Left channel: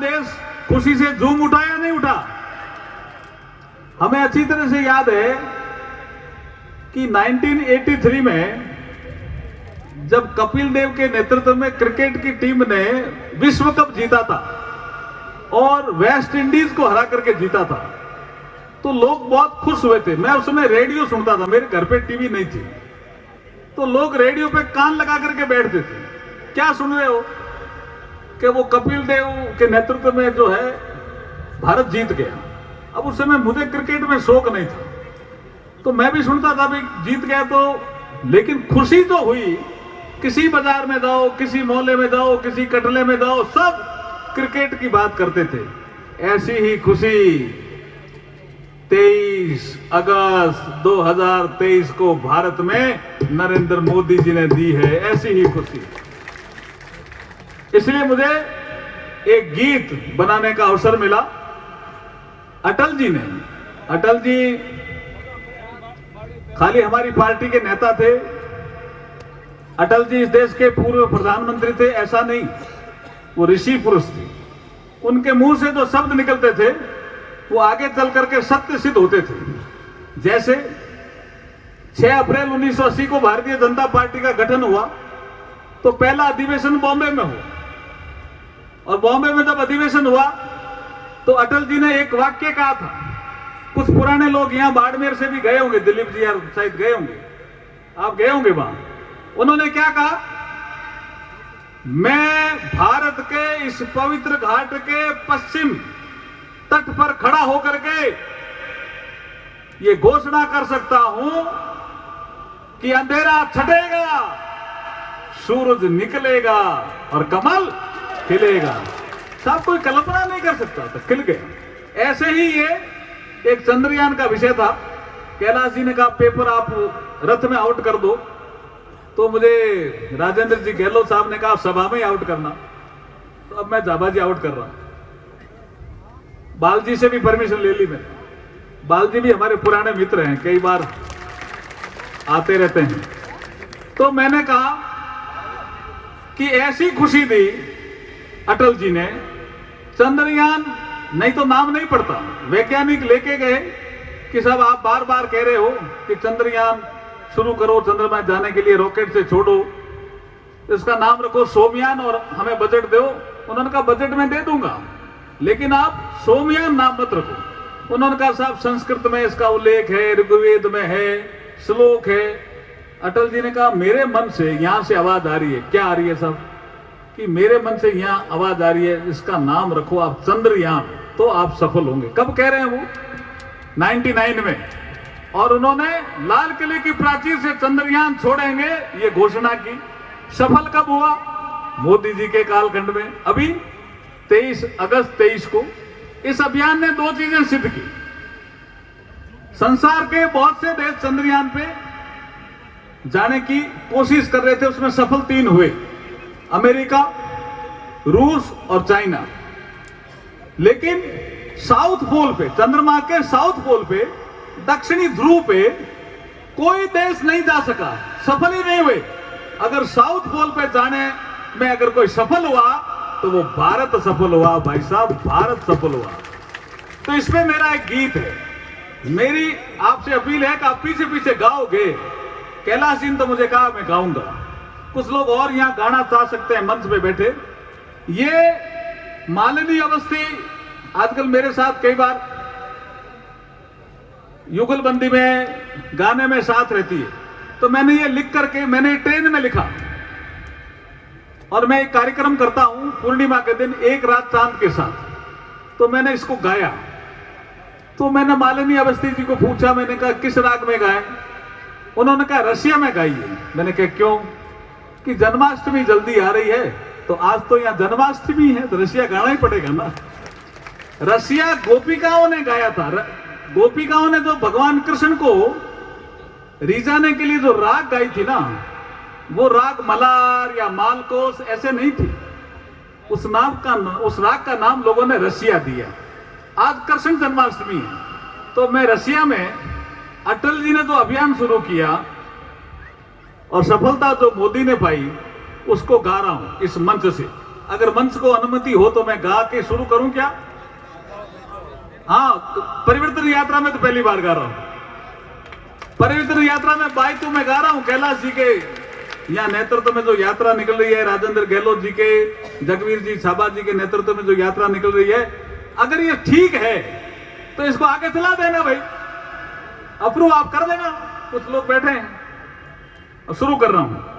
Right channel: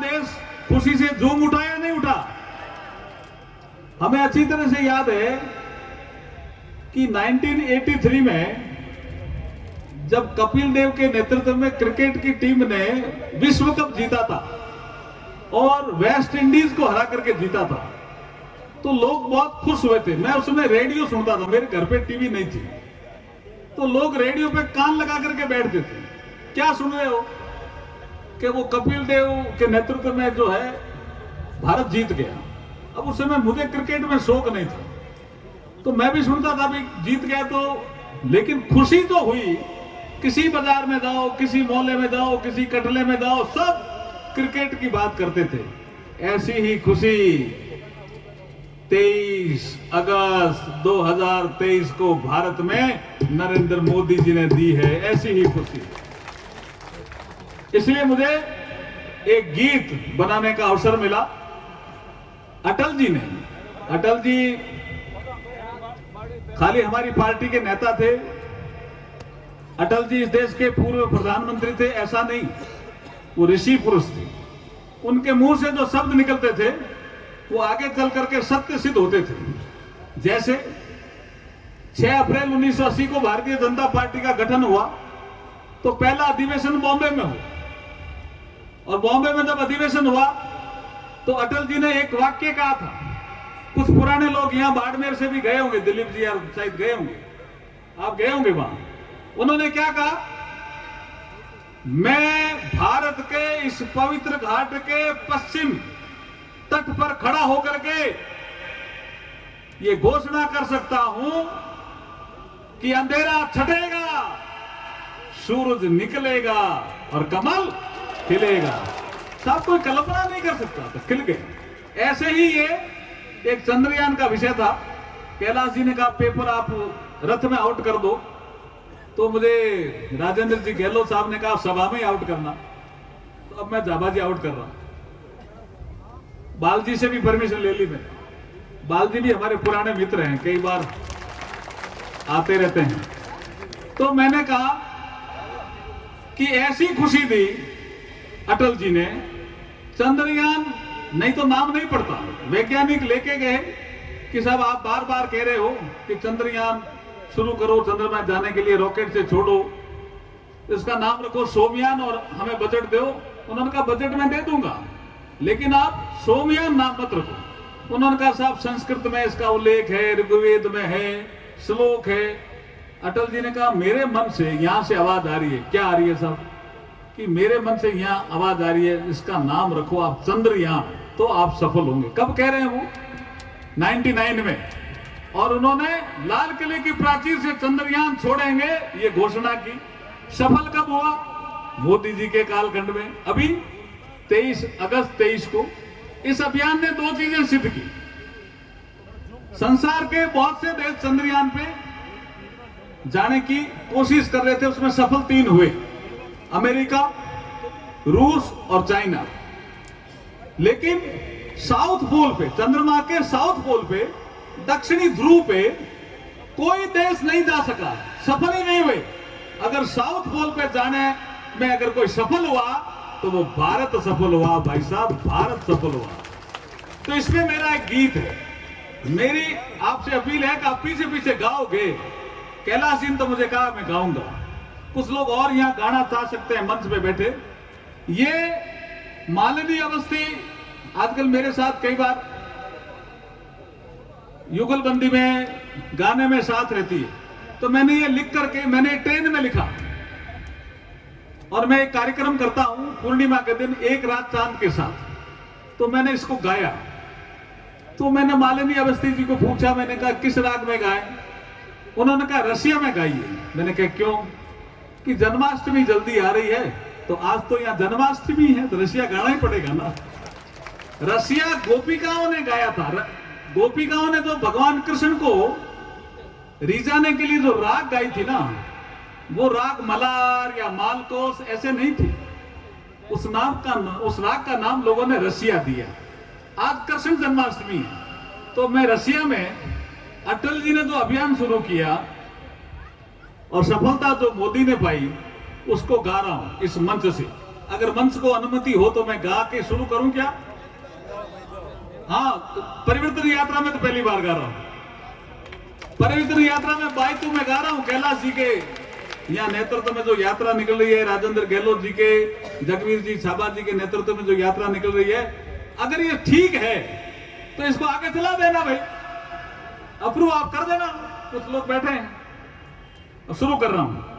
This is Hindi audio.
देश खुशी से झूम उठा या नहीं उठा? हमें अच्छी तरह से याद है कि 1983 में जब कपिल देव के नेतृत्व में क्रिकेट की टीम ने विश्व कप जीता था और वेस्ट इंडीज को हरा करके जीता था, तो लोग बहुत खुश हुए थे। मैं उस समय रेडियो सुनता था, मेरे घर पे टीवी नहीं थी, तो लोग रेडियो पे कान लगा करके बैठते थे। क्या सुन रहे हो? कि वो कपिल देव के नेतृत्व में जो है भारत जीत गया। अब उस समय मुझे क्रिकेट में शौक नहीं था, तो मैं भी सुनता था भी जीत गया तो, लेकिन खुशी तो हुई। किसी बाजार में जाओ, किसी मोहल्ले में जाओ, किसी कटले में जाओ, सब क्रिकेट की बात करते थे। ऐसी ही खुशी 23 अगस्त 2023 को भारत में नरेंद्र मोदी जी ने दी है, ऐसी ही खुशी। इसलिए मुझे एक गीत बनाने का अवसर मिला अटल जी ने। अटल जी खाली हमारी पार्टी के नेता थे, अटल जी इस देश के पूर्व प्रधानमंत्री थे ऐसा नहीं, वो ऋषि पुरुष थे। उनके मुंह से जो शब्द निकलते थे वो आगे चल करके सत्य सिद्ध होते थे। जैसे 6 अप्रैल 1980 को भारतीय जनता पार्टी का गठन हुआ तो पहला अधिवेशन बॉम्बे में हुआ, और बॉम्बे में जब अधिवेशन हुआ तो अटल जी ने एक वाक्य कहा था। कुछ पुराने लोग यहां बाड़मेर से भी गए होंगे, दिलीप जी यार शायद गए होंगे, आप गए होंगे वहां। उन्होंने क्या कहा? मैं भारत के इस पवित्र घाट के पश्चिम तट पर खड़ा होकर के ये घोषणा कर सकता हूं कि अंधेरा छटेगा, सूरज निकलेगा और कमल खिलेगा। साहब कोई कल्पना नहीं कर सकता था, खिल गए। ऐसे ही ये एक चंद्रयान का विषय था। कैलाश जी ने कहा पेपर आप रथ में आउट कर दो, तो मुझे राजेंद्र जी गहलोत साहब ने कहा सभा में आउट करना, तो अब मैं जाबाजी आउट कर रहा हूं। बाल जी से भी परमिशन ले ली मैंने। बाल जी भी हमारे पुराने मित्र हैं, कई बार आते रहते हैं। तो मैंने कहा कि ऐसी खुशी दी अटल जी ने, चंद्रयान नहीं तो नाम नहीं पड़ता। वैज्ञानिक लेके गए कि साहब आप बार बार कह रहे हो कि चंद्रयान शुरू करो, चंद्रमा जाने के लिए रॉकेट से छोड़ो, इसका नाम रखो सोमयान और हमें बजट दो। उन्होंने कहा बजट में दे दूंगा, लेकिन आप सोमयान नाम मत रखो। उन्होंने कहा साहब संस्कृत में इसका उल्लेख है, ऋग्वेद में है, श्लोक है। अटल जी ने कहा मेरे मन से यहां से आवाज आ रही है। क्या आ रही है साहब? कि मेरे मन से यहां आवाज आ रही है, इसका नाम रखो आप चंद्रयान, तो आप सफल होंगे। कब कह रहे हैं वो? 99 में। और उन्होंने लाल किले की प्राचीर से चंद्रयान छोड़ेंगे ये घोषणा की। सफल कब हुआ? मोदी जी के कालखंड में। अभी 23 अगस्त 23 को इस अभियान ने 2 चीजें सिद्ध की। संसार के बहुत से देश चंद्रयान पे जाने की कोशिश कर रहे थे, उसमें सफल 3 हुए, अमेरिका, रूस और चाइना। लेकिन साउथ पोल पे, चंद्रमा के साउथ पोल पे, दक्षिणी ध्रुव पे कोई देश नहीं जा सका, सफल ही नहीं हुए। अगर साउथ पोल पे जाने में अगर कोई सफल हुआ तो वो भारत सफल हुआ भाई साहब, भारत सफल हुआ। तो इसमें मेरा एक गीत है, मेरी आपसे अपील है कि आप पीछे पीछे गाओगे। कैलाश जी ने तो मुझे कहा मैं गाऊंगा, कुछ लोग और यहां गाना चाह सकते हैं मंच पे बैठे। ये मालिनी अवस्थी आजकल मेरे साथ कई बार युगलबंदी में गाने में साथ रहती है, तो मैंने ये लिख करके मैंने ट्रेन में लिखा, और मैं एक कार्यक्रम करता हूं पूर्णिमा के दिन एक रात चांद के साथ, तो मैंने इसको गाया। तो मैंने मालिनी अवस्थी जी को पूछा, मैंने कहा किस राग में गाए? उन्होंने कहा रसिया में गाइए। मैंने कहा क्यों? कि जन्माष्टमी जल्दी आ रही है, तो आज तो यहां जन्माष्टमी है तो रसिया गाना ही पड़ेगा ना। रसिया गोपिकाओं ने गाया था। गोपिकाओं ने जो भगवान कृष्ण को रिझाने के लिए जो राग गाई थी ना, वो राग मलार या मालकोस ऐसे नहीं थी। उस राग का नाम लोगों ने रसिया दिया। आज कृष्ण जन्माष्टमी है, तो मैं रसिया में अटल जी ने जो अभियान शुरू किया और सफलता जो मोदी ने पाई उसको गा रहा हूं इस मंच से। अगर मंच को अनुमति हो तो मैं गा के शुरू करूं क्या? हाँ, परिवर्तन यात्रा में तो पहली बार गा रहा हूं। परिवर्तन यात्रा में बाइतू में गा रहा हूं। कैलाश जी के यहाँ नेतृत्व में जो यात्रा निकल रही है, राजेंद्र गहलोत जी के, जगवीर जी छाबा जी के नेतृत्व में जो यात्रा निकल रही है, अगर ये ठीक है तो इसको आगे चला देना भाई, अप्रूव आप कर देना। कुछ लोग बैठे हैं, शुरू कर रहा हूं।